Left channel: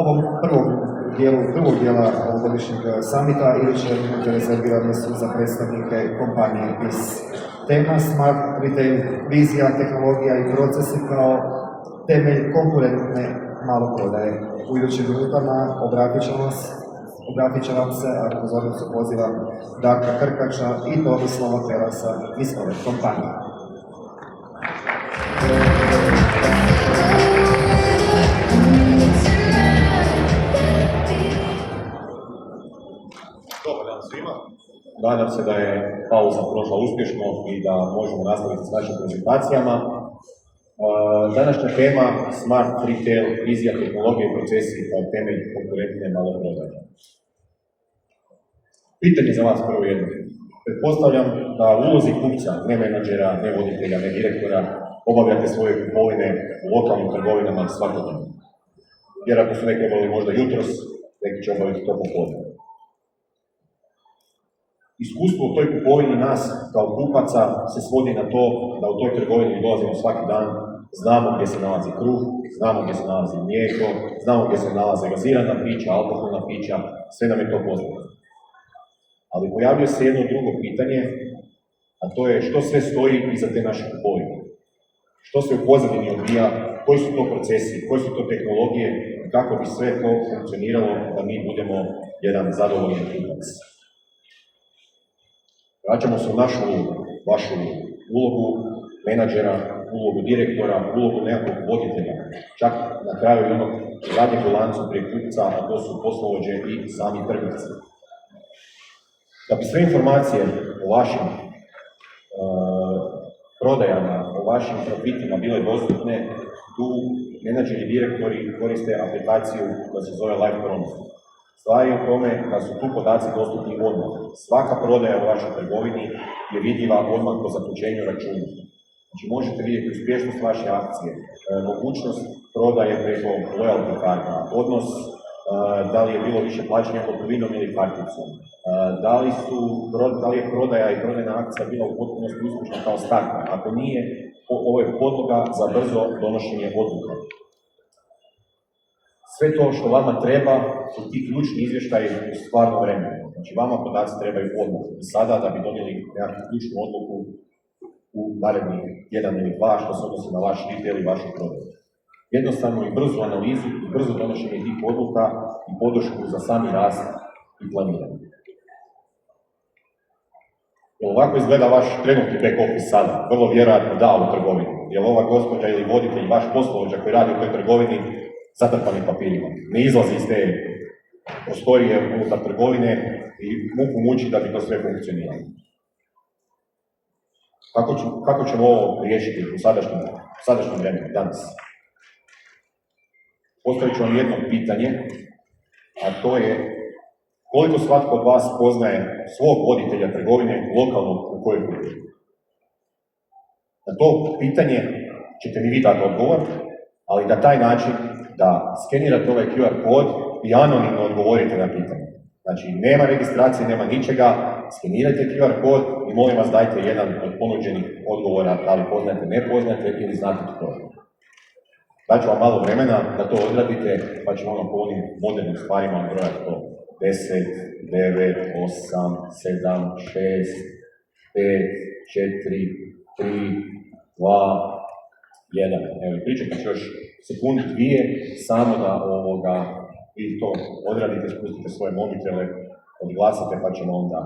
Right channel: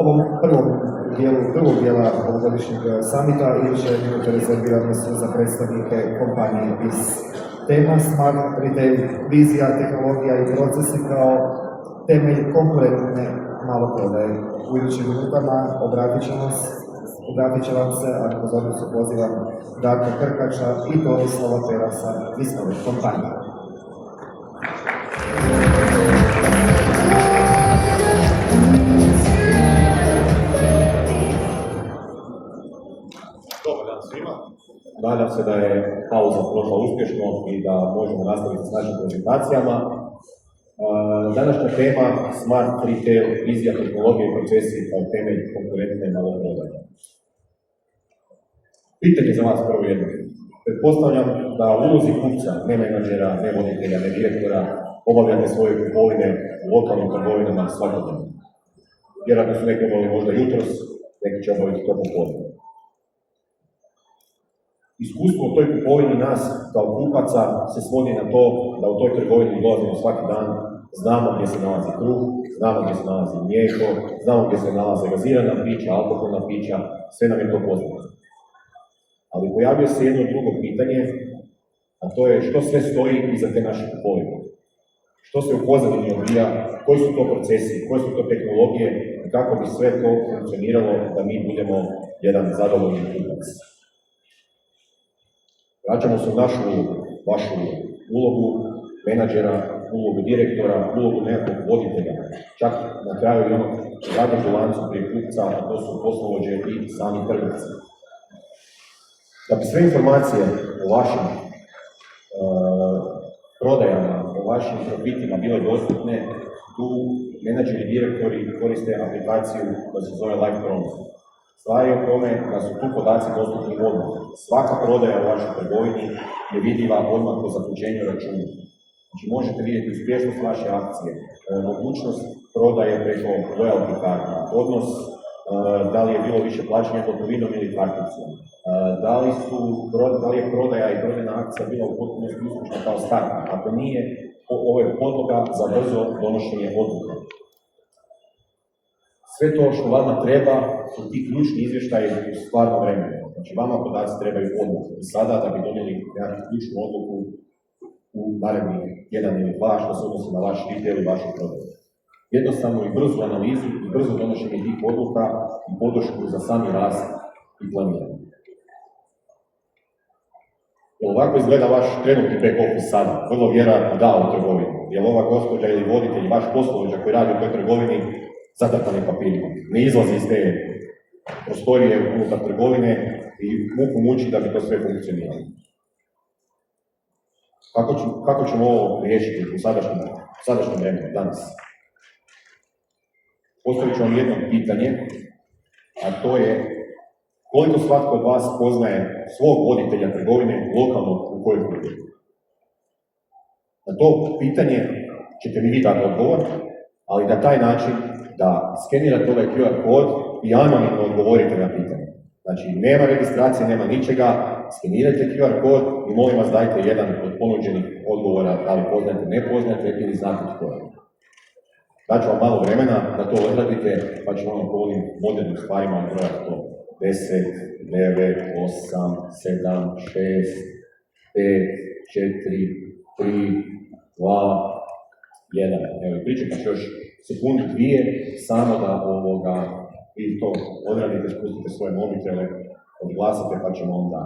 ovom prvog dijela ovogodišnjeg samita iduće minute rezervirane su za predstavnike kompanije BIS. Tema Smart Retail, vizija, tehnologija i procesi kao temelj konkurentne maloprodaje. U idućim minutama obratit će vam se, a pozornicu pozivam, Darka Krkača i Tomislava Perasa iz kompanije. Dobar dan svima. Nadam se da je pauza prošla uspješno i da možemo nastaviti s našim prezentacijama. Današnja tema Smart Retail, vizija, tehnologije i procesi kao temelj konkurentne maloprodaje. Pitanje za vas prvo jedno. Pretpostavljam da u ulozi kupca, ne menadžera, ne voditelja, ne direktora, obavljate svoje kupovine u lokalnim trgovinama svakodnevno. Vjerojatno su neki obavili možda jutros, neki će obaviti to popodne. Iskustvo u toj kupovini nas kao kupaca se svodi na to da u toj trgovini dolazimo svaki dan, znamo gdje se nalazi kruh, znamo gdje se nalazi mlijeko, znamo gdje se nalaze gazirana pića, alkoholna pića, sve nam je to poznato. Ali pojavljuje se jedno drugo pitanje, a to je što sve stoji iza te naše kupovine. Što se u pozadini odvija, koji su to procesi, koje su to tehnologije i kako bi sve to funkcioniralo da mi budemo jedan zadovoljan kupac. Vraćamo se u našu ulogu, vašu ulogu menadžera, ulogu direktora, ulogu nekog voditelja, čak na kraju i onog radnog bilancu prije kupca, a to su poslovođe i sami trgovci. Da bi sve informacije o vašim prodajama, o vašim profitima bile dostupne, tu menadžeri i direktori koriste aplikaciju koja se zove Live Promo. Stvar je u tome da su tu podaci dostupni odmah. Svaka prodaja u vašoj trgovini je vidljiva odmah po zaključenju računa. Znači možete vidjeti uspješnost vaše akcije, mogućnost prodaje preko loyalty karta, odnos da li je bilo više plaćanja gotovinom ili karticom, da li je prodaja i prodajna akcija bila u potpunosti uspješna kao start. Ako nije, ovo je podloga za brzo donošenje odluka. Sve to što vama treba su ti ključni izvještaji u stvarnom vremenu. Znači vama podaci trebaju odluku sada da bi donijeli nekakvu ključnu odluku u narednih 1 ili 2 što se odnosi na vaš retail i vašu prodaju. Jednostavno i brzu analizu i brzo donošenje tih odluka i podršku za sami rast i planiranje. Ovako izgleda vaš trenutni back office sada, vrlo vjerojatno da u trgovini. Jer ova gospođa ili voditelj, vaš poslovođa koji radi u toj trgovini, zatrpani papirima. Ne izlazi iz te prostorije unutar trgovine i muku muči da bi to sve funkcioniralo. Kako ćemo ovo riješiti u sadašnjem vremenu, danas? Postavit ću vam jedno pitanje, a to je koliko svatko od vas poznaje svog voditelja trgovine lokalno u kojoj kupuje? Na to pitanje ćete mi vi dati odgovor, ali na taj način da skenirate ovaj QR kod i anonimno odgovorite na pitanje. Znači, nema registracije, nema ničega, skenirajte QR kod i molim vas dajte jedan od ponuđenih odgovora, da li poznate, ne poznate ili znate tko je. Daću vam malo vremena da to odradite, pa ćemo ono po onim modernim stvarima odbrojati to. 10, 9, 8, 7, 6, 5, 4, 3, 2, 1. Evo, pričekat ću još sekundu, 2, samo da vi to odradite, spustite svoje mobitele, odglasite pa ćemo onda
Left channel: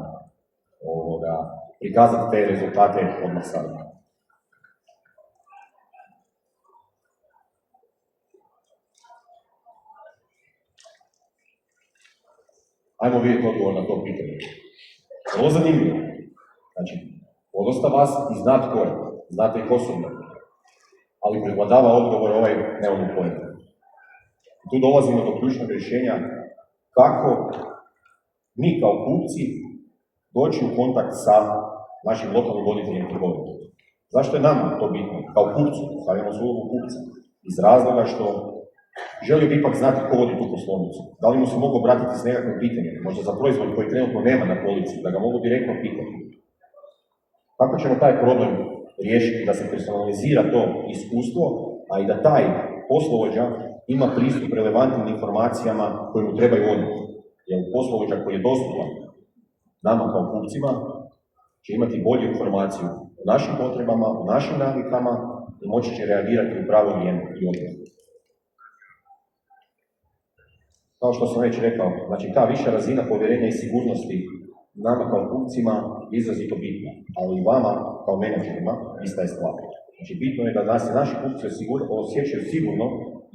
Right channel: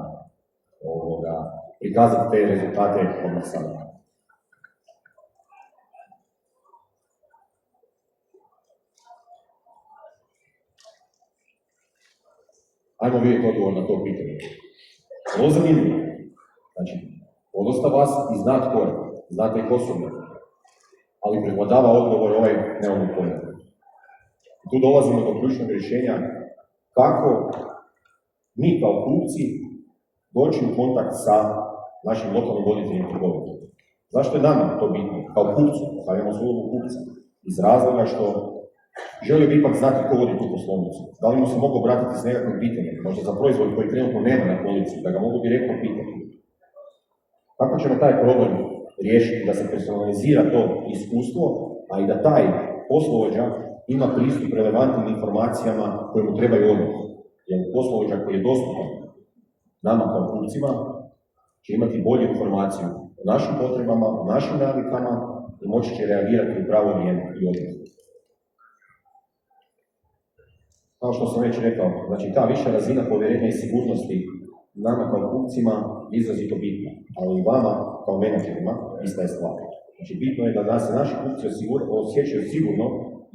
prikazati te rezultate odmah sada. Ajmo vidjeti odgovor na to pitanje. Ovo zanimljivo. Znači, podosta vas i zna tko je, znate i ko su, ali prevladava odgovor ovaj nemamo pojma. Tu dolazimo do ključnog rješenja kako mi kao kupci doći u kontakt sa našim lokalnim voditeljima trgovine. Zašto je nam to bitno? Kao kupcu, stavljamo svoju ulogu kupca. Iz razloga što želio bi ipak znati ko vodi tu poslovnicu. Da li mu se mogu obratiti s nekakvim pitanjem, možda za proizvod koji trenutno nema na polici, da ga mogu direktno pitati. Kako ćemo taj problem riješiti da se personalizira to iskustvo, a i da taj poslovođa ima pristup relevantnim informacijama koje mu trebaju odmah. Jer poslovođa koji je dostupan nama kao kupcima će imati bolju informaciju o našim potrebama, o našim navikama i moći će reagirati u pravo vrijeme i odmah. Kao što sam već rekao, znači ta viša razina povjerenja i sigurnosti nama kao kupcima je izrazito bitna, ali i vama kao menadžerima ista je stvar. Znači bitno je da se naši kupci osjećaju sigurno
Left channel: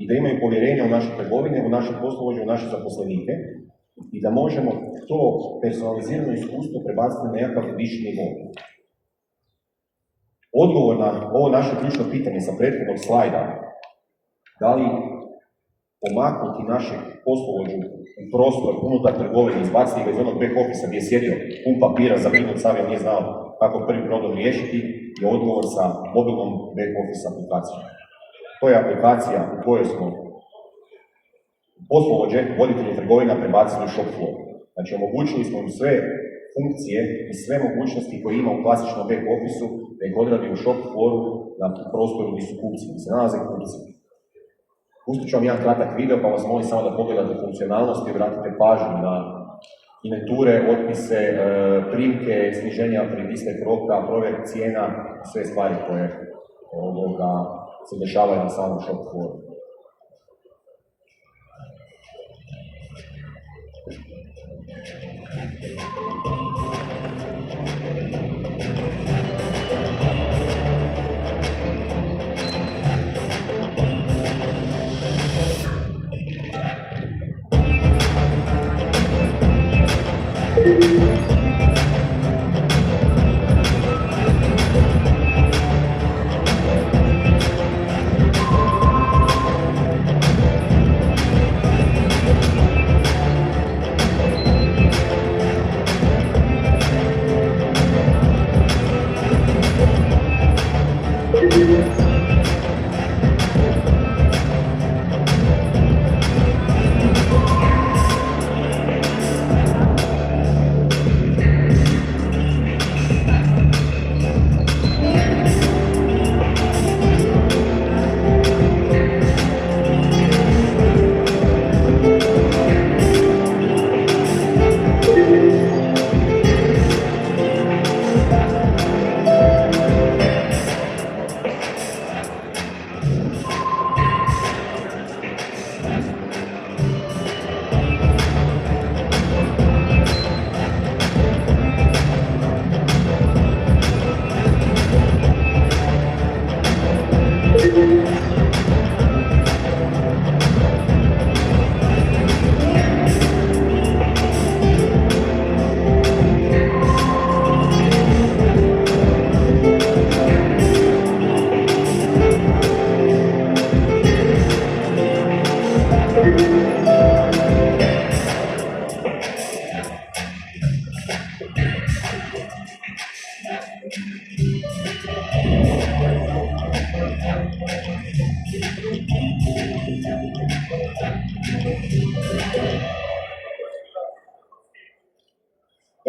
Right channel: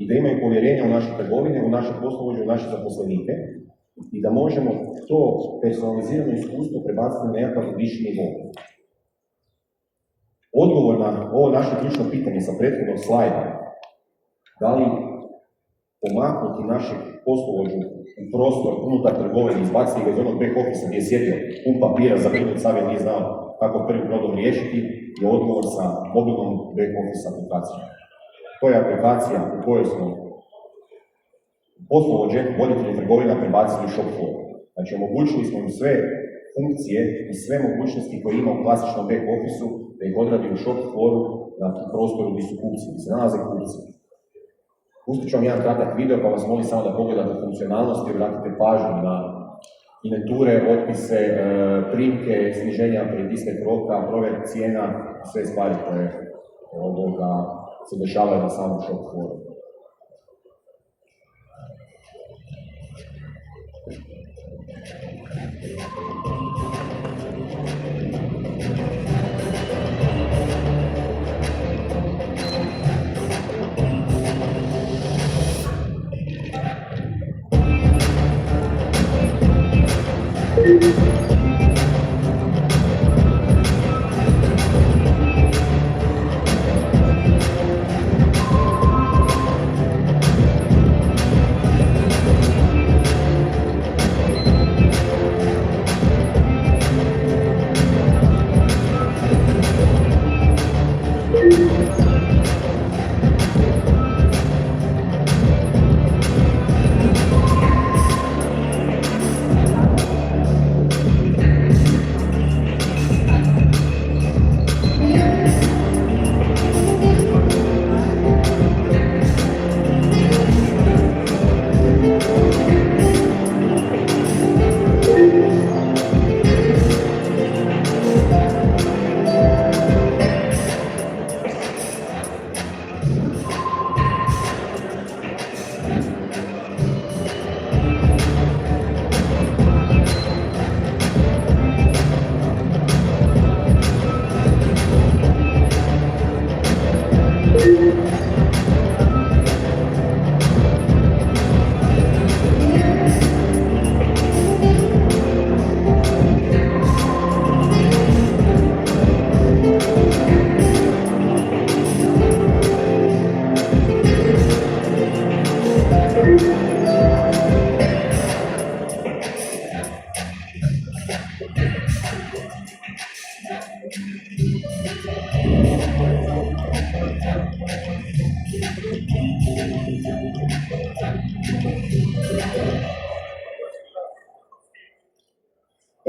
i da imaju povjerenja u naše trgovine, u naše poslovođe, u naše zaposlenike i da možemo to personalizirano iskustvo prebaciti na nekakav viši nivo. Odgovor na ovo naše ključno pitanje sa prethodnog slajda, da li pomaknuti našeg poslovođu u prostor unutar trgovine, izbaciti ga iz onog back office gdje je sjedio pun papira za minut, sad nije znao kako prvi problem riješiti, je odgovor sa mobilnom back office aplikacijom. To je aplikacija u kojoj smo poslovođe, voditelji trgovina prebacili u shop floor. Znači omogućili smo im sve funkcije i sve mogućnosti koje ima u klasičnom back office-u da ih odradi u shop flooru na prostoru gdje su kupci, gdje se nalaze kupci. Pustit ću vam jedan kratak video pa vas molim samo da pogledate funkcionalnosti i vratite pažnju na inventure, otpise, primke, sniženja pred istek roka, provjer cijena, sve stvari koje se dešavaju na samom shop flooru.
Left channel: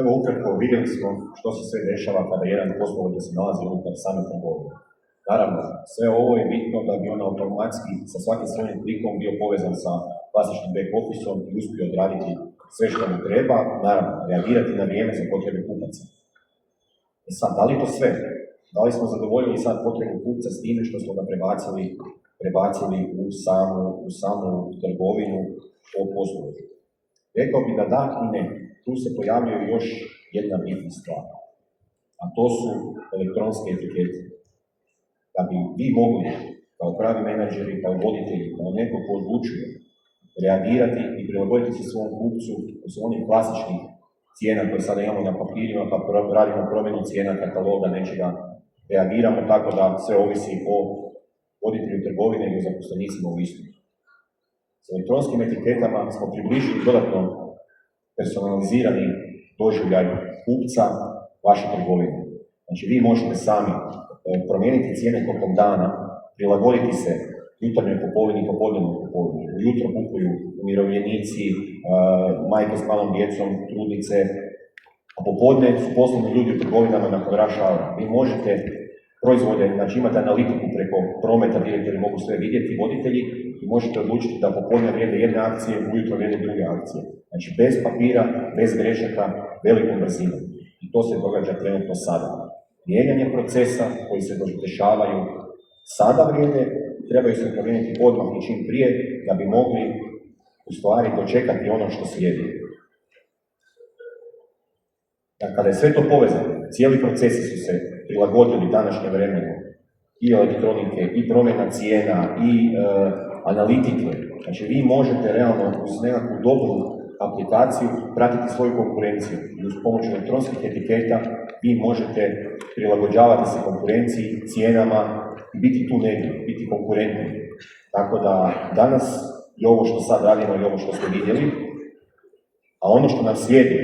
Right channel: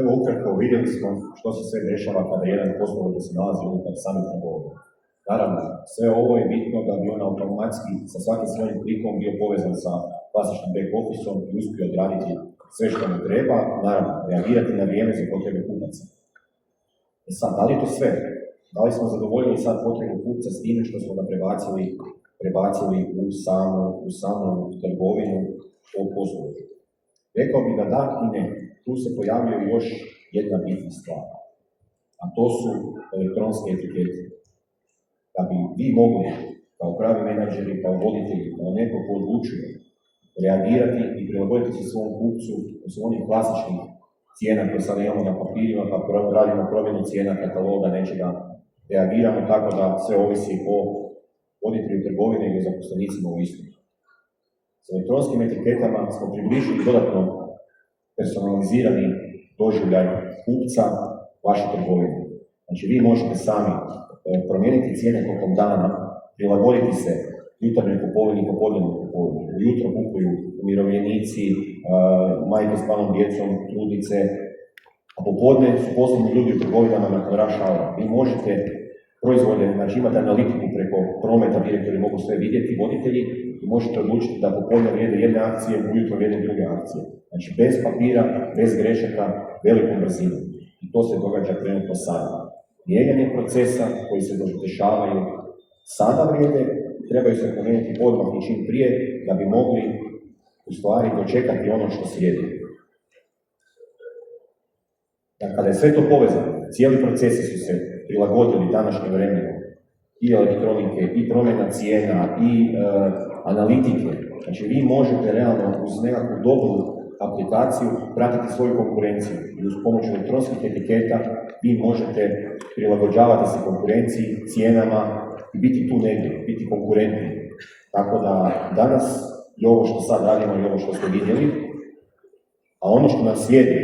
Evo ukratko vidjeli smo što se sve dešava kada jedan poslovođa se nalazi unutar same trgovine. Naravno, sve ovo je bitno da bi on automatski sa svakim svojim klikom bio povezan sa klasičnim back office-om i uspio odraditi sve što mu treba, naravno, reagirati na vrijeme za potrebe kupaca. Sad, da li je to sve? Da li smo zadovoljili sad potrebu kupca s time što smo ga prebacili u samu trgovinu o poslovođu? Rekao bi da da i ne. Tu se pojavljuje još jedna bitna stvar, a to su elektronske etikete. Da bi vi mogli, kao pravi menadžeri, kao voditelji, kao neko ko odlučuje, reagirati i prilagoditi se svom kupcu u onih klasičnih cijena koje sada imamo na papirima, pa radimo promjenu cijena kataloga, nečega, reagiramo tako da sve ovisi o voditelju trgovine ili zaposlenicima u istu. S elektronskim etiketama smo približili dodatno personalizirani doživljaj kupca vaše trgovine. Znači vi možete sami promijeniti cijene tokom dana, prilagoditi se jutarnjoj kupovini i popodnevnoj kupovini. Ujutro kupuju umirovljenici, majke s malom djecom, trudnice, a popodne su poslovni ljudi u trgovinama nakon rush hour. Vi možete proizvode, znači imate analitiku preko prometa, direktori mogu sve vidjeti, voditelji, i i možete odlučiti da popodne vrijede jedne akcije, ujutro vrijede druge akcije. Znači, bez papira, bez grešaka, velikom brzinom. I to se događa trenutno sada. Mijenjanje procesa koji se dešavaju sada vrijede, trebaju se promijeniti odmah i čim prije, da bi mogli u stvari dočekati ono što slijedi. Kada je sve to povezano, cijeli procesi su se prilagodili današnjem vremenu, i elektronike, i promjena cijena, i analitike. Znači, vi možete realno uz nekakvu dobru aplikaciju pratiti svoju konkurenciju. I uz pomoć elektronskih etiketa vi možete prilagođavati se konkurenciji, cijenama i biti tu negdje, biti konkurentni. Tako da danas i ovo što sad radimo i ovo što ste vidjeli, a ono što nam slijedi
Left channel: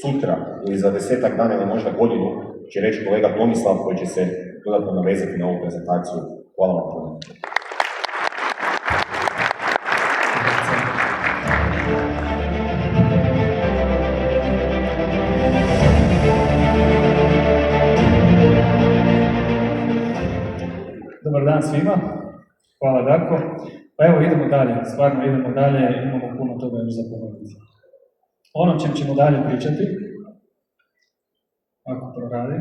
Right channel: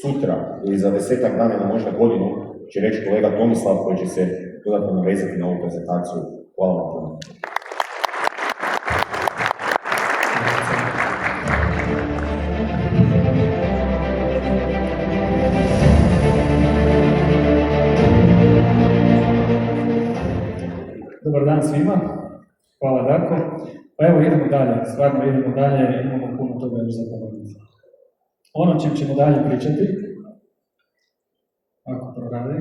sutra ili za 10-ak dana ili možda godinu će reći kolega Tomislav koji će se dodatno navezati na ovu prezentaciju. Hvala vam puno. Dobar dan svima, hvala Darko. Pa evo idemo dalje, stvarno idemo dalje, imamo puno toga još za ponoviti. Ono čem ćemo dalje pričati, ako to radi,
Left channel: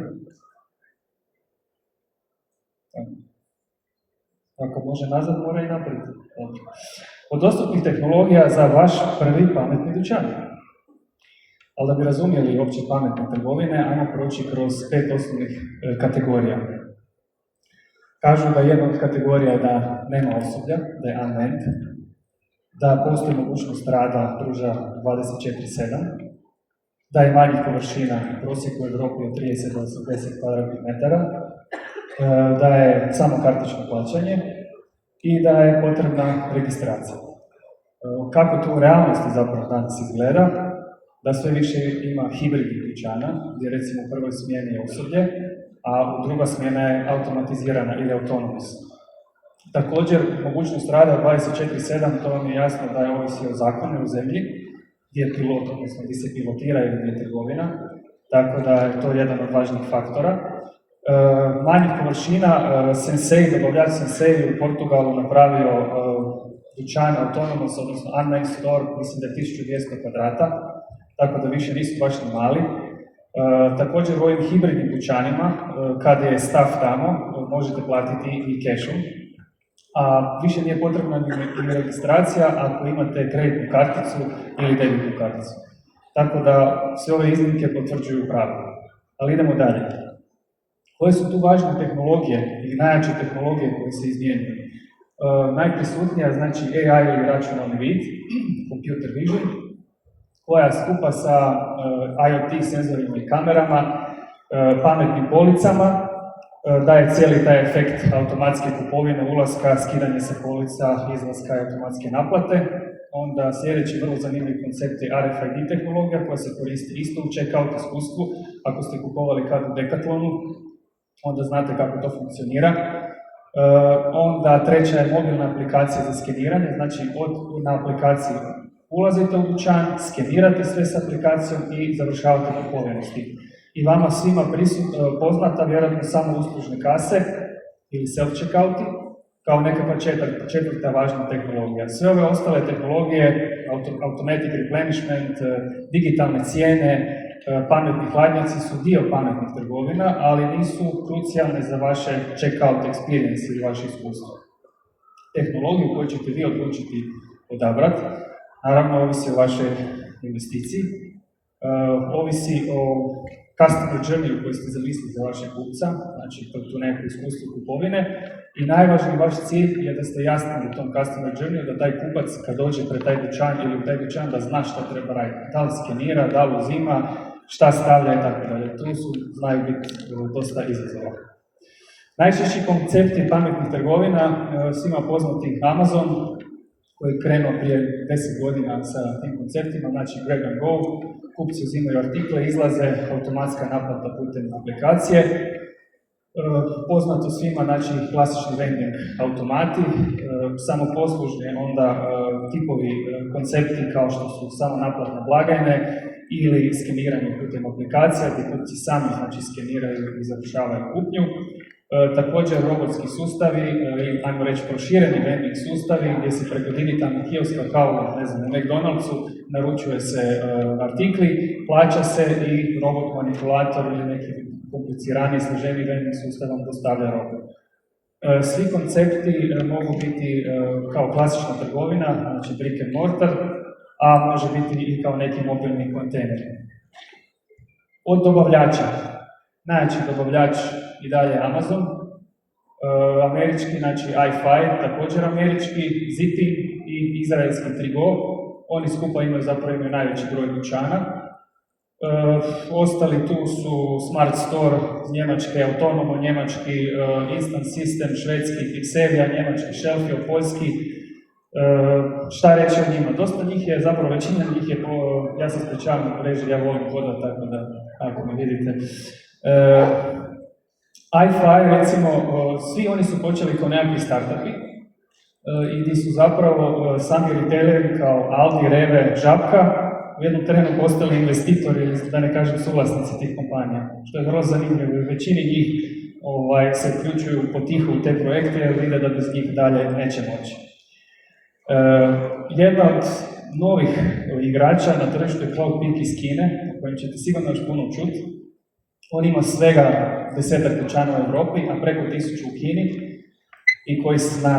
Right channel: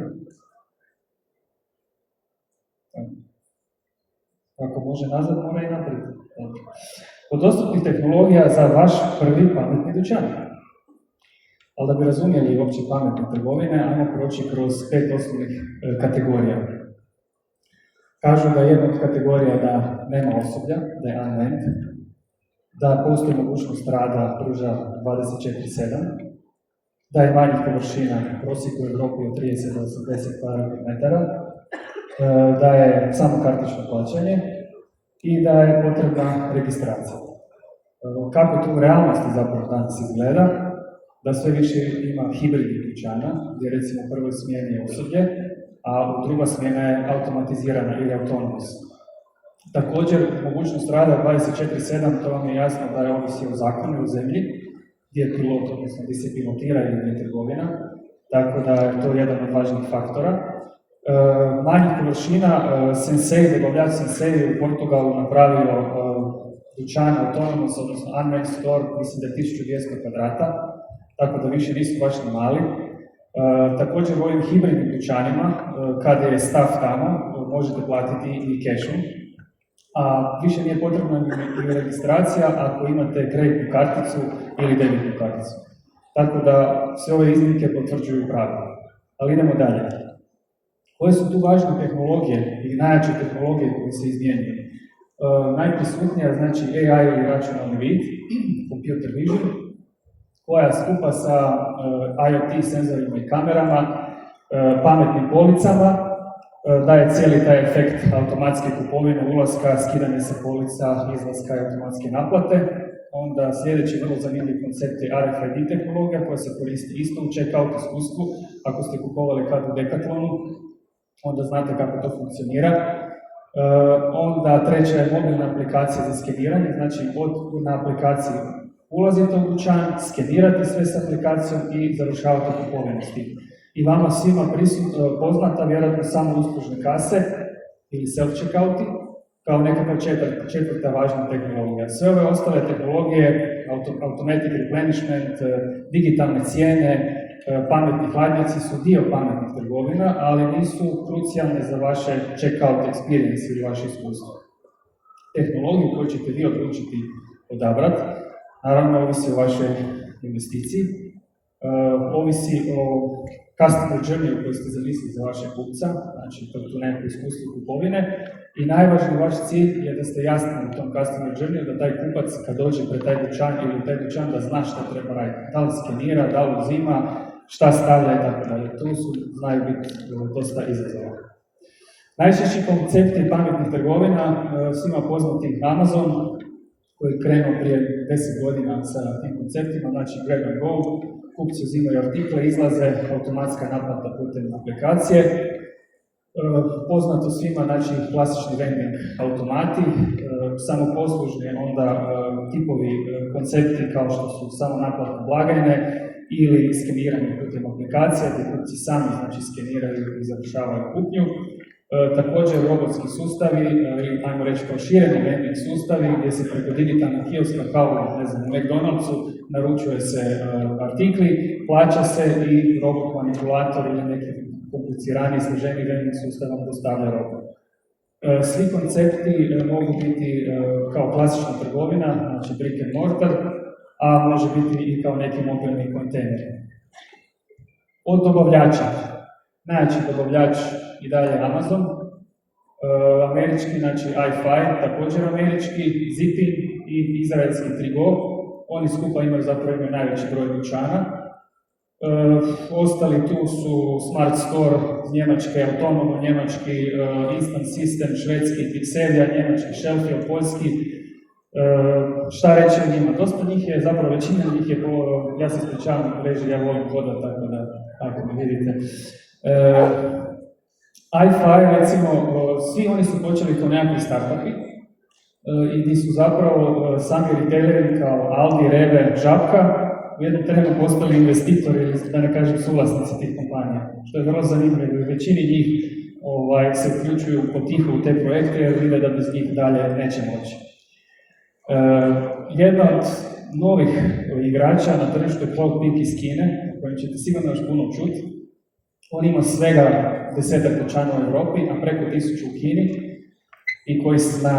ako može nazad, mora i naprijed. Od dostupnih tehnologija za vaš prvi pametni dućan. Ali da bi razumjeli uopće pametne trgovine, ajmo proći kroz 5 osnovnih kategorija. Kažu da jedna od kategorija da nema osoblja, da je unmanned, da postoji mogućnost rada pruža 24/7, da je manjih površina u prosjeku u Europi od 30 do 80 kvadratnih, da je samo kartično plaćanje i da je potrebna registracija. Kako to u realnosti zapravo danas izgleda? Da sve više ima hibridnih dućana, gdje recimo u prvoj smjeni je osoblje, a u druga smjena je automatizirana ili autonomous. Također, mogućnost rada 24/7, to vam je jasno da je ovisi o zakonu u zemlji, gdje je pilot, odnosno gdje se pilotira ili gdje je trgovina, tako da je to jedan od važnih faktora. Manjih površina, Sensei, dobavljač Sensei u Portugalu napravio dućan autonomous, odnosno unmanned store, mislim da je 1200 kvadrata, tako da više nisu baš ni mali. Također u ovim hibridnim dućanima, kada je staff tamo, možete platiti i cashom, a više nije potrebna ni registracija ako imate kreditnu karticu ili debitnu karticu. Tako da sve ove iznimke potvrđuju pravila. Ali idemo dalje. Koje su tu važne tehnologije i najjače tehnologije koje se izmjenjuju? Najprisutnija, znači AI ili računalni vid, computer vision, koja skupa sa IoT senzorima i kamerama, pametnim policama, daje cijeli taj efekt automatske kupovine, ulaska, skidanje sa polica, izlaska i automatske naplate. Onda sljedeći vrlo zanimljiv koncept je RFID tehnologija koja se koristi isto u checkout iskustvu. Ako ste kupovali kad u Decathlonu, onda znate kako to funkcionira. Onda treća je mobilna aplikacija za skeniranje, znači na aplikaciji ulazite u dućan, skenirate sve s aplikacijom i završavate kupovinu s tim. I vama svima poznata vjerojatno samo uslužne kase ili self-checkouti kao nekakva četvrta važna tehnologija. Sve ove ostale tehnologije, automatic replenishment, digitalne cijene, pametni hladnjaci su dio pametnih trgovina, ali nisu krucijalne za vaše checkout experience ili vaše iskustvo. Tehnologiju koju ćete vi odlučiti odabrati, naravno ovisi o vašoj investiciji, ovisi o customer journey koji ste zamislili za vaše kupca, znači tu neko iskustvo kupovine, i najvažniji vaš cilj je da ste jasni u tom customer journey, da taj kupac kad dođe pred taj dućan ili u taj dućan da zna šta treba raditi, da li skenira, da li uzima, šta stavlja i tako dalje. Tu znaju biti dosta izazova. Najčešći koncepti pametnih trgovina, svima poznati Amazon, koji je krenuo prije 10 godina sa tim konceptima, znači grab and go, kupci uzimaju artikle, izlaze, automatska naplata putem aplikacije. Poznato svima, znači klasični vending automati, samoposlužni onda tipovi koncepti kao što su samo naplatne blagajne ili skeniranje putem aplikacija gdje kupci sami znači skeniraju i završavaju kupnju. Također robotski sustavi, ili ajmo reći prošireni vending sustavi gdje se preko digitalnog kioska kao ne znam, u McDonald'su naručuje se artikli, plaća se i robot manipulator ili neki kompliciraniji, složeniji vending sustavom dostavlja robu. Svi koncepti mogu biti kao klasična trgovina, znači brick and mortar, a može biti i kao neki mobilni kontejner. Od dobavljača. Najjači dobavljač i dalje Amazon, američki, znači i5, također američki, Zipping i izraelski Trigo. Oni skupa imaju najveći broj dućana. Ostali tu su Smart Store njemački, Autonomo njemački, Instant System švedski, Pixelia njemački, Shelfio poljski. Šta reći o njima? Dosta njih je, zapravo većina njih je, ja se ispričavam na mreži, ja volim hodati, tako da ako me vidite. i5, recimo, svi oni su počeli kao nekakvi startupi i gdje su zapravo sami retaileri kao Aldi, Reve, Žabka u jednom trenu postali investitori ili da ne kažem suvlasnici tih kompanija, što je vrlo zanimljivo i većini njih se uključuju potiho u te projekte jer vide da bez njih dalje neće moći. Jedna od novih igrača na tržištu je Cloudpeak iz Kine, o kojem ćete sigurno još puno čuti. On ima svega 10 dućana u Europi, a preko 1000 u Kini i koji se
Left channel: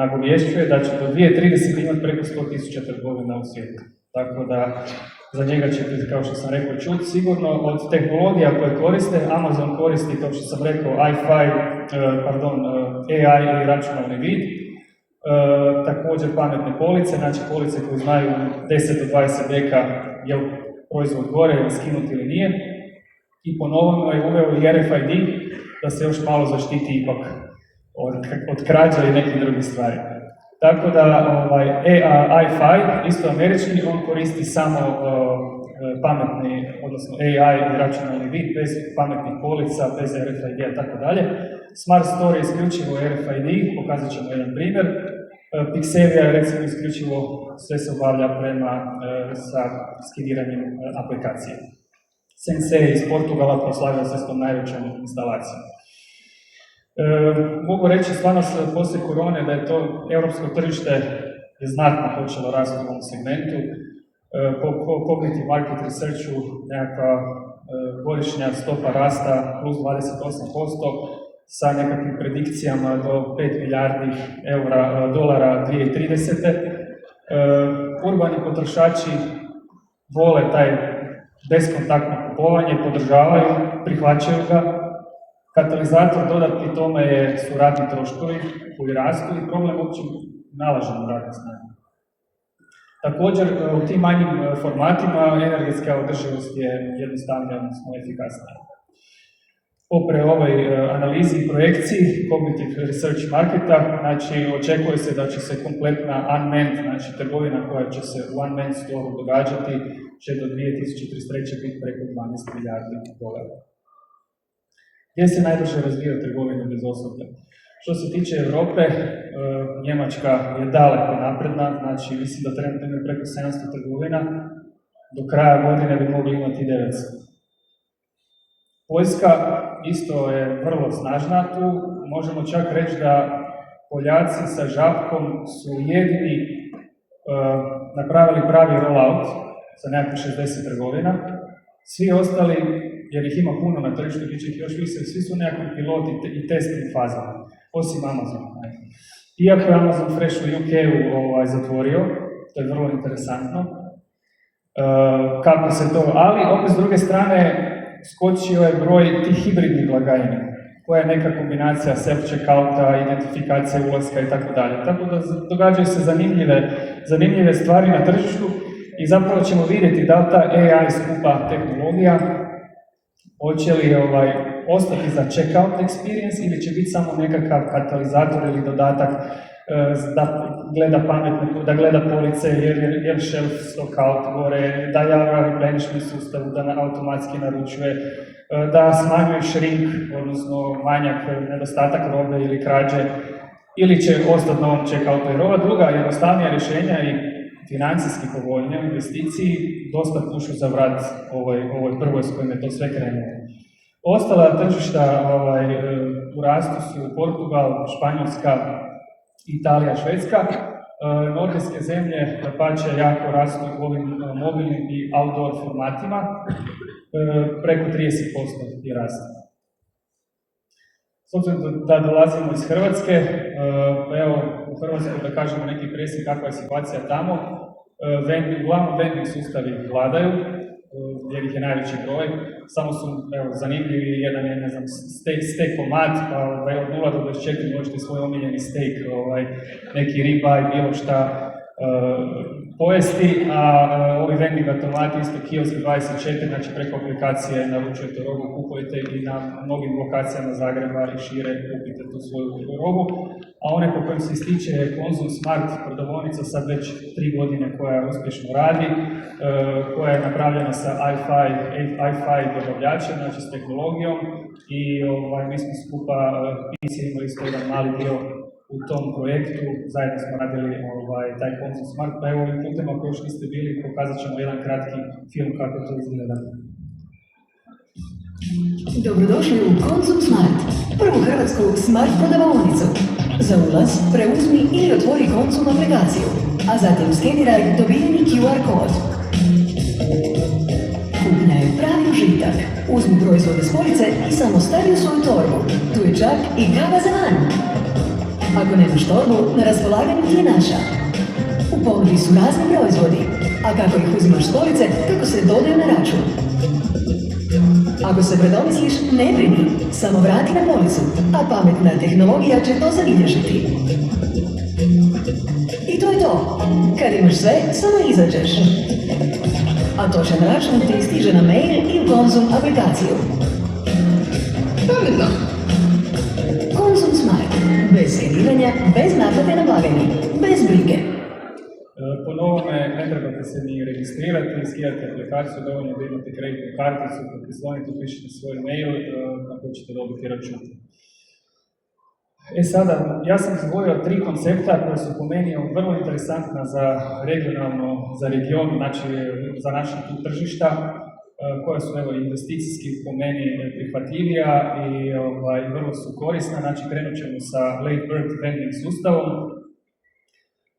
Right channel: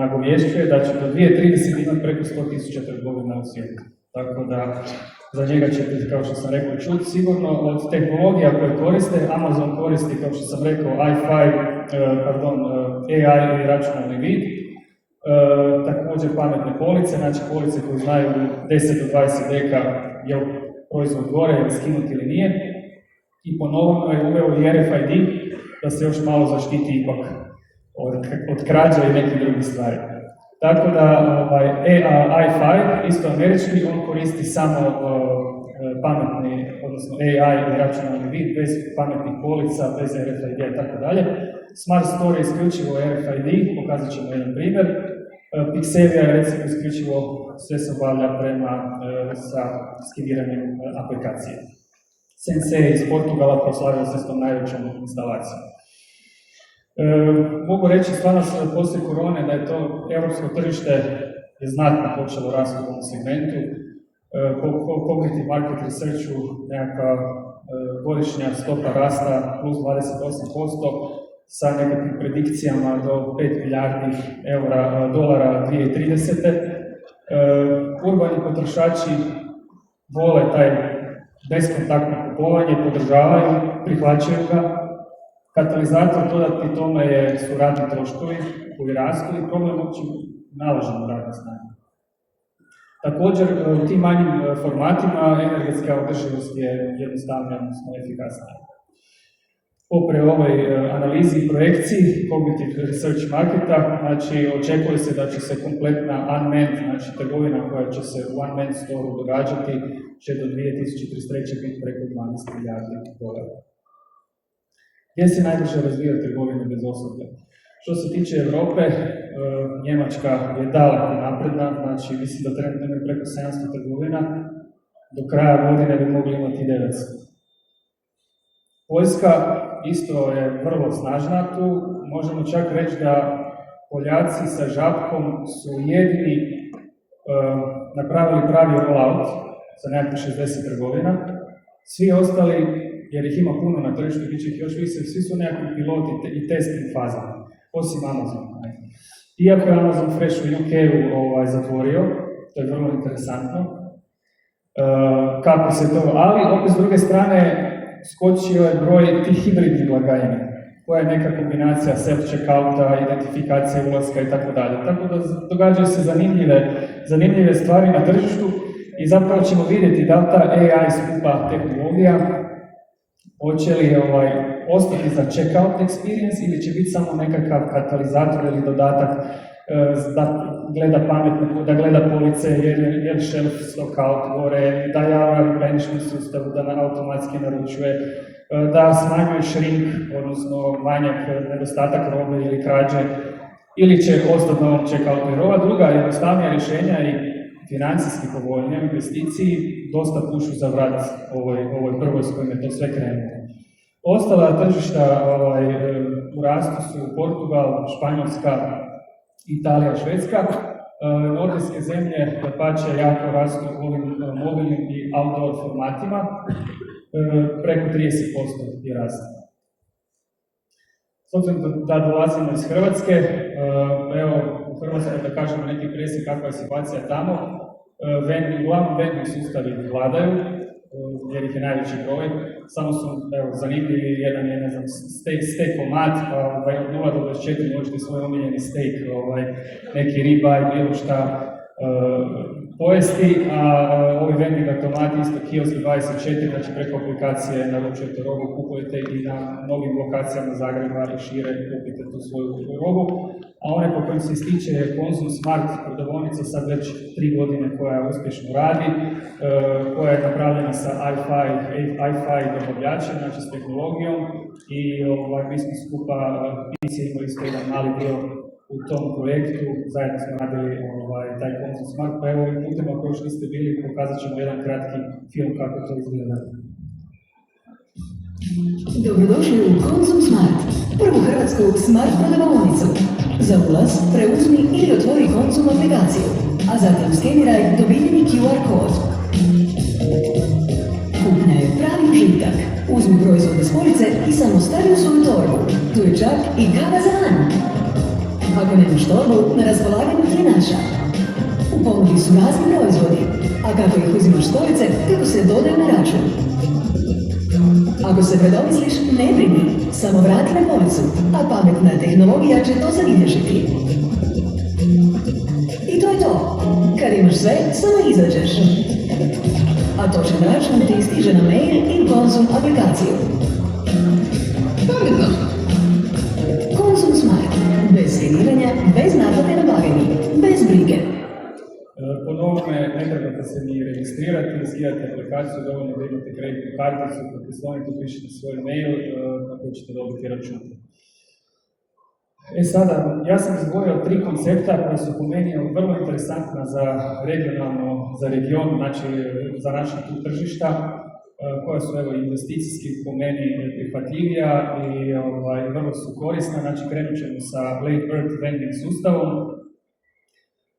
nagovješćuje da će do 2030 imati preko 100.000 trgovina u svijetu. Tako da za njega ćete, kao što sam rekao, čuti sigurno. Od tehnologija koje koriste, Amazon koristi, kao što sam rekao, AI i računalni vid. Također pametne police, znači police koje znaju 10 do 20 deka je li proizvod gore ili skinut ili nije. I po novom je uveo i RFID da se još malo zaštiti ipak od krađa i nekih drugih stvari. Tako da i5, isto američki, on koristi samo pametni, odnosno AI i računalni vid, bez pametnih polica, bez RFID i tako dalje. Smart Store je isključivo RFID, pokazat ćemo jedan primjer. Pixelia je recimo isključivo sve se obavlja sa skeniranjem aplikacije. Sensei iz Portugala proslavio se s tom najvećom instalacijom. Mogu reći stvarno poslije korone da je to europsko tržište je znatno počelo rasti u ovom segmentu. Po Cognitive Market Researchu nekakva godišnja stopa rasta plus 28% sa nekakvim predikcijama do 5 milijardi dolara 2030. Urbani potrošači vole taj beskontaktno kupovanje, podržavaju, prihvaćaju ga. Katalizator dodati tome su radni troškovi koji rastu i problem uopće nalaženju radne snage. Također, u tim manjim formatima energetska održivost je jednostavnija, odnosno efikasnija. Popre ovoj analizi i projekciji Cognitive Research Marketa, znači očekuje se da će se kompletna unmanned, znači trgovina koja će se u unmanned store događati, će do 2033. biti preko 12 milijardi dolara. Gdje se najviše razvija trgovina bez osoblja? Što se tiče Europe, Njemačka je daleko napredna, znači mislim da trenutno imaju preko 700 trgovina, do kraja godine bi mogli imati 900. Poljska isto je vrlo snažna tu, možemo čak reći da Poljaci sa Žabkom su jedini napravili pravi rollout sa nekakvih 60 trgovina, svi ostali, jer ih ima puno na tržištu, bit će ih još više, svi su nekakvi piloti i testing fazama, osim Amazon. Iako je Amazon Fresh u UK-u zatvorio, to je vrlo interesantno, kako se to, ali opet s druge strane skočio je broj tih hibridnih blagajni, koja je neka kombinacija self-checkouta, identifikacije ulaska i tako dalje. Tako da događaju se zanimljive stvari na tržištu i zapravo ćemo vidjeti da li ta AI skupa tehnologija hoće li ostati za checkout experience ili će biti samo nekakav katalizator ili dodatak da gleda pametno, da gleda police, jer shelf stockout gore, da javlja replenishment sustavu, da automatski naručuje, da smanjuje shrink, odnosno manjak, nedostatak robe ili krađe, ili će ostati na ovom checkoutu. Jer ova druga jednostavnija rješenja i financijski povoljne investiciji dosta pušu za vrat ovoj prvoj s kojim je to sve krenulo. Ostala tržišta u rastu su Portugal, Španjolska, Italija, Švedska. Nordijske zemlje dapače jako rastu ovim mobilnim i outdoor formatima, preko 30% je rast. S obzirom da dolazimo iz Hrvatske, evo u Hrvatskoj da kažemo neki presjek kakva je situacija tamo, uglavnom vending sustavi vladaju, jer ih je najveći broj, samo su zanimljivi, jedan je, ne znam, steak-o-mat, pa od 0 do 24 možete svoj omiljeni steak, neki ribaj, bilo šta pojesti, a ovi vending automati, isto kiosk 24, znači preko aplikacije naručujete robu, kupujete i na mnogim lokacijama Zagreba i šire kupite tu svoju robu, a one po kojem se ističe je Konzum Smart prodavaonica sad već 3 godine koja uspješno radi, koja je napravljena sa i-Fi dobavljačem, znači s tehnologijom i mi smo skupa imali isto jedan mali dio u tom projektu, zajedno smo radili taj Konzum Smart, pa evo ovim putem ako još niste bili, pokazat ćemo jedan kratki film kako to izgleda. Dobrodošli u Konzum Smart, prvu hrvatsku smart prodavaonicu. Za ulaz preuzmi ili otvori Konzum aplikaciju, a zatim skeniraj dobijeni QR kod. Kupnja je pravi užitak. Uzmi proizvode s police i samo stavi u svoju torbu. Tu je čak i kava za van. Ako nemaš torbu, na raspolaganju ti je naša. U ponudi su razni proizvodi, a kako ih uzimaš s police, kako se dodaju na račun. Ako se predomisliš, ne brini, samo vrati na policu, a pametna tehnologija će to zabilježiti. I to je to. Kad imaš sve, samo izađeš. A točan račun ti stiže na mail i Konzum aplikaciju. Pametno. Konzum Smart. Bez skeniranja, bez naplate na blagajni, bez brige. Po novome ne trebate se ni registrirati, skidate aplikaciju, dovoljno da imate kreditnu karticu, potpisovite, pišete svoj mail na koji ćete dobiti račun. Sada, ja sam izgovorio 3 koncepta koja su po meni vrlo interesantna za regionalno, za region, znači za naša tu tržišta, koja su investicijski po meni prihvatljivija i vrlo su korisna. Znači krenut ćemo sa Late Bird vending sustavom.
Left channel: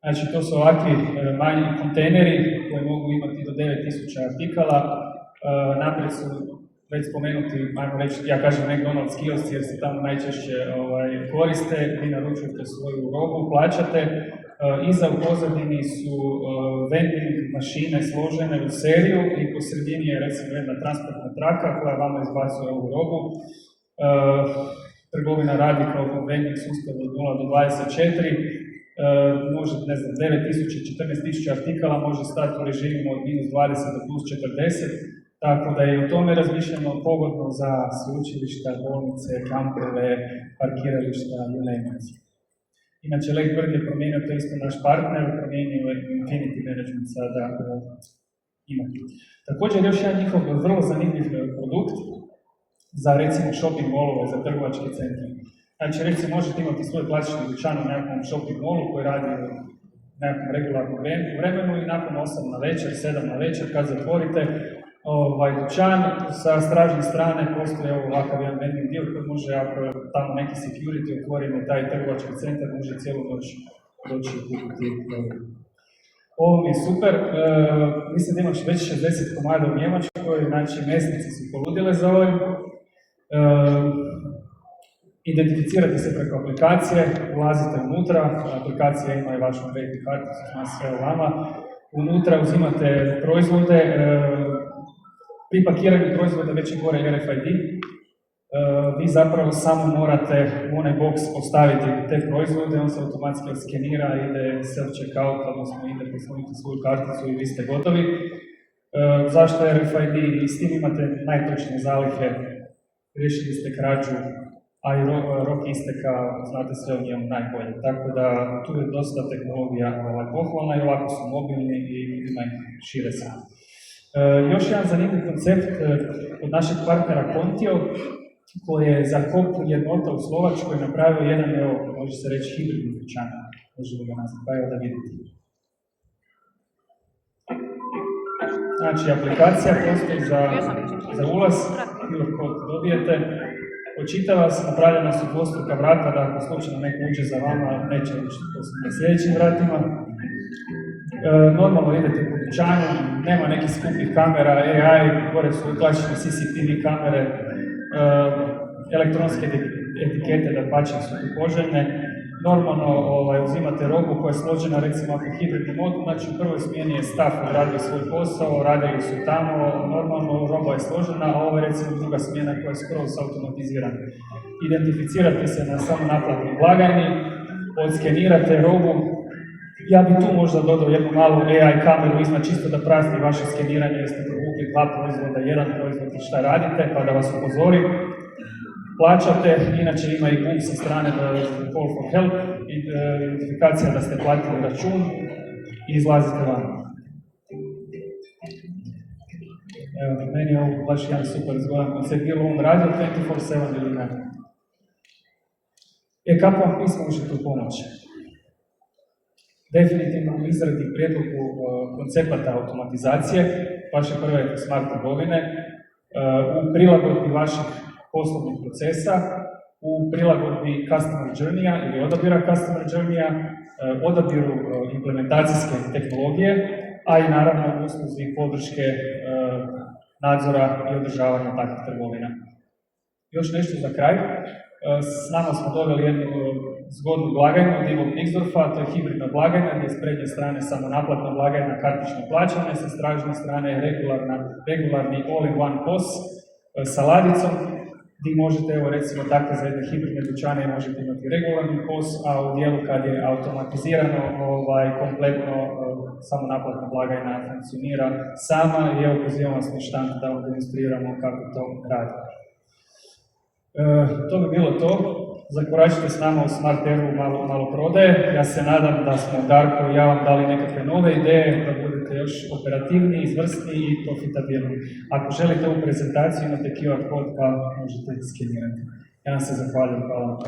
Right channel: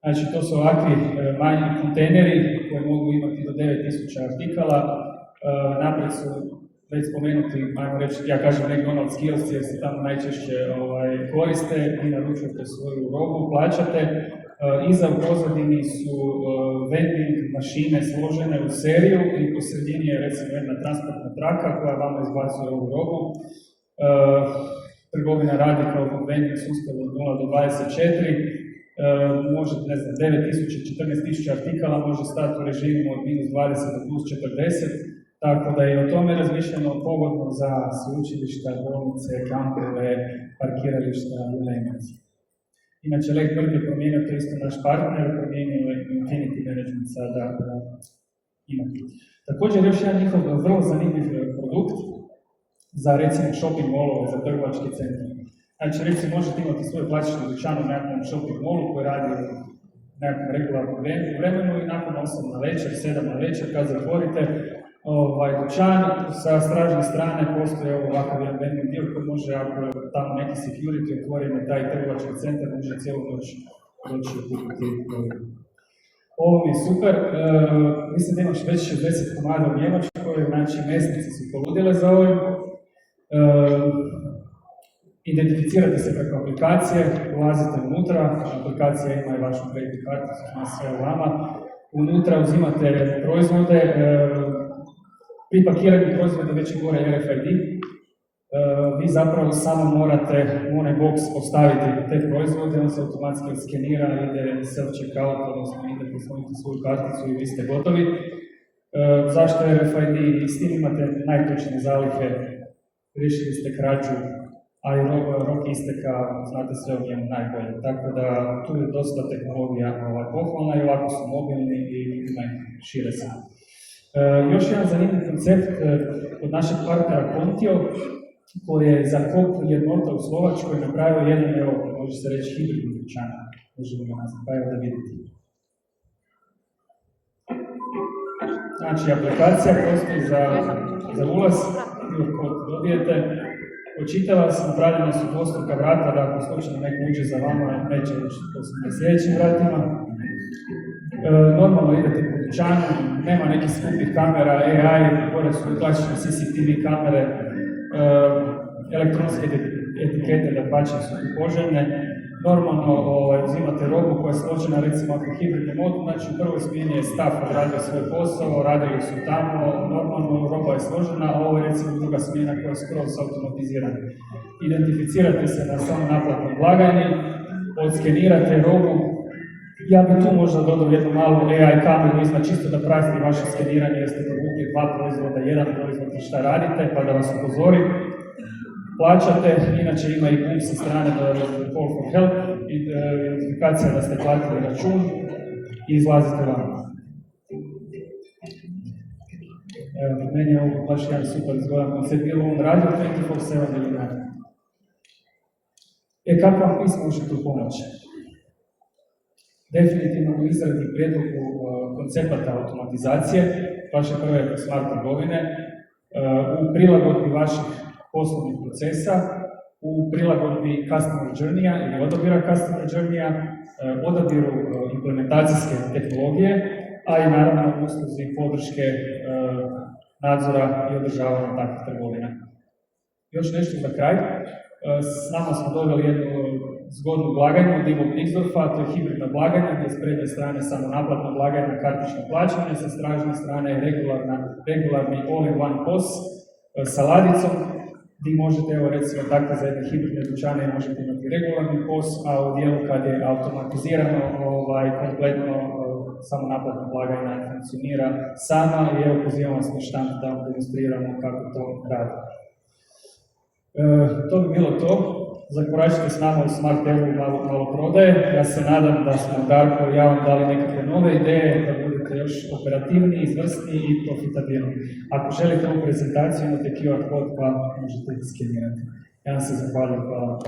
Znači to su ovakvi manji kontejneri koji mogu imati do 9000 artikala. Naprijed su već spomenuti, ajmo reći, ja kažem McDonald's kiosci jer se tamo najčešće koriste, vi naručujete svoju robu, plaćate. Iza u pozadini su vending mašine složene u seriju i po sredini je recimo jedna transportna traka koja vama izbacuje ovu robu. Trgovina radi kao vending sustav od 0 do 24. Može, ne znam, 9000, 14.000 artikala može stati u režimu od -20 do +40, tako da je o tome razmišljeno pogodno za sveučilišta, bolnice, kampove, parkirališta, you name it. Inače, Late Bird je promijenio, to isto naš partner, promijenio Infinity Management sada ima. Također još jedan njihov vrlo zanimljiv produkt za recimo shopping mallove, za trgovačke centre. Znači, recimo, možete imati svoj klasični dućan u nekakvom shopping mallu koji radi u nekakvom regularnom vremenu i nakon 8 na večer, 7 na večer, kad zatvorite dućan, sa stražne strane postoji ovakav jedan vending dio koji može, ako tamo neki security otvori na taj trgovački centar, može cijelu noć doći kupiti. Ovo mi je super, mislim da imaš već 60 komada u Njemačkoj, znači mesnici su poludjele za ovim. Identificirate se preko aplikacije, ulazite unutra, aplikacija ima i vašu kreditnu karticu, zna sve u vama. Unutra uzimate proizvode, pri pakiranju proizvoda već je gore RFID. Vi zapravo samo morate u onaj box postaviti te proizvode, on se automatski skenira, ide self-checkout, odnosno ide posloniti svoju karticu i vi ste gotovi. Zašto je RFID? I s tim imate najtočnije zalihe, riješili ste krađu, a i rok isteka, znate sve o njemu najbolje. Tako da tu je dosta tehnologija pohvalna i ovako su mobilni i šire se. Još jedan zanimljiv koncept od našeg partnera Kontio, koji je za KOP jednota u Slovačkoj napravio jedan, može se reći, hibridni dućan. Možemo ga nazvati, pa evo da vidite. Znači, aplikacija postoji za ulaz, bilo kod dobijete, očitava se, napravljena su dvostruka vrata, da ako slučajno neko uđe za vama, neće ući na sljedećim vratima. Normalno idete po dućanu, nema nekih skupih kamera, AI, pored su klasične CCTV kamere, elektronske etikete da pače su tu poželjne. Normalno uzimate robu koja je složena, recimo ako je hibridni mod, znači u prvoj smjeni je staff radio svoj posao, radili su tamo, normalno roba je složena, a ovo je recimo druga smjena koja je skroz automatizirana. Identificirate se na samonaplatnoj blagajni, odskenirate robu. Ja bi tu možda dodao jednu malu AI kameru iznad čisto da prati vaše skeniranje, jeste provukli 2 proizvoda, 1 proizvod i šta radite, pa da vas upozori. Plaćate, inače ima i pump sa strane Call for Help, identifikacija da ste platili račun i izlazite van. Evo, meni je ovo baš jedan super zgodan koncept, bilo on radio 24/7 ili ne. Kako vam pismo može tu pomoći? Definitivno u izradi prijedlogu koncepata automatizacije, vaše prve smart trgovine, u prilagodbi vaših poslovnih procesa, u prilagodbi customer journey-a ili odabira customer journey-a, odabiru implementacijske tehnologije, a i naravno usluzi podrške nadzora i održavanja takvih trgovina. Još nešto za kraj. S nama smo doveli jednu zgodnu blagajnu od Ivo Nixdorfa, to je hibridna blagajna gdje je s prednje strane samo naplatna blagajna, kartično plaćanje, sa stražne strane regularni all-in-one POS sa ladicom, gdje možete, evo recimo tako za jedne hibridne dućane možete imati regularni POS, a u dijelu kad je automatizirano kompletno samo naplatna blagajna funkcionira sama i evo pozivam vas na štand da vam demonstriramo kako to radi. To bi bilo to. Zakoračite s nama u Smart Evu malo prodaje. Ja se nadam da smo Darko i ja vam dali nekakve nove ideje, da budete još operativniji, izvrsniji i profitabilni. Ako želite ovu prezentaciju, imate QR kod pa možete skenirati. Ja vam se zahvaljujem. Hvala vam.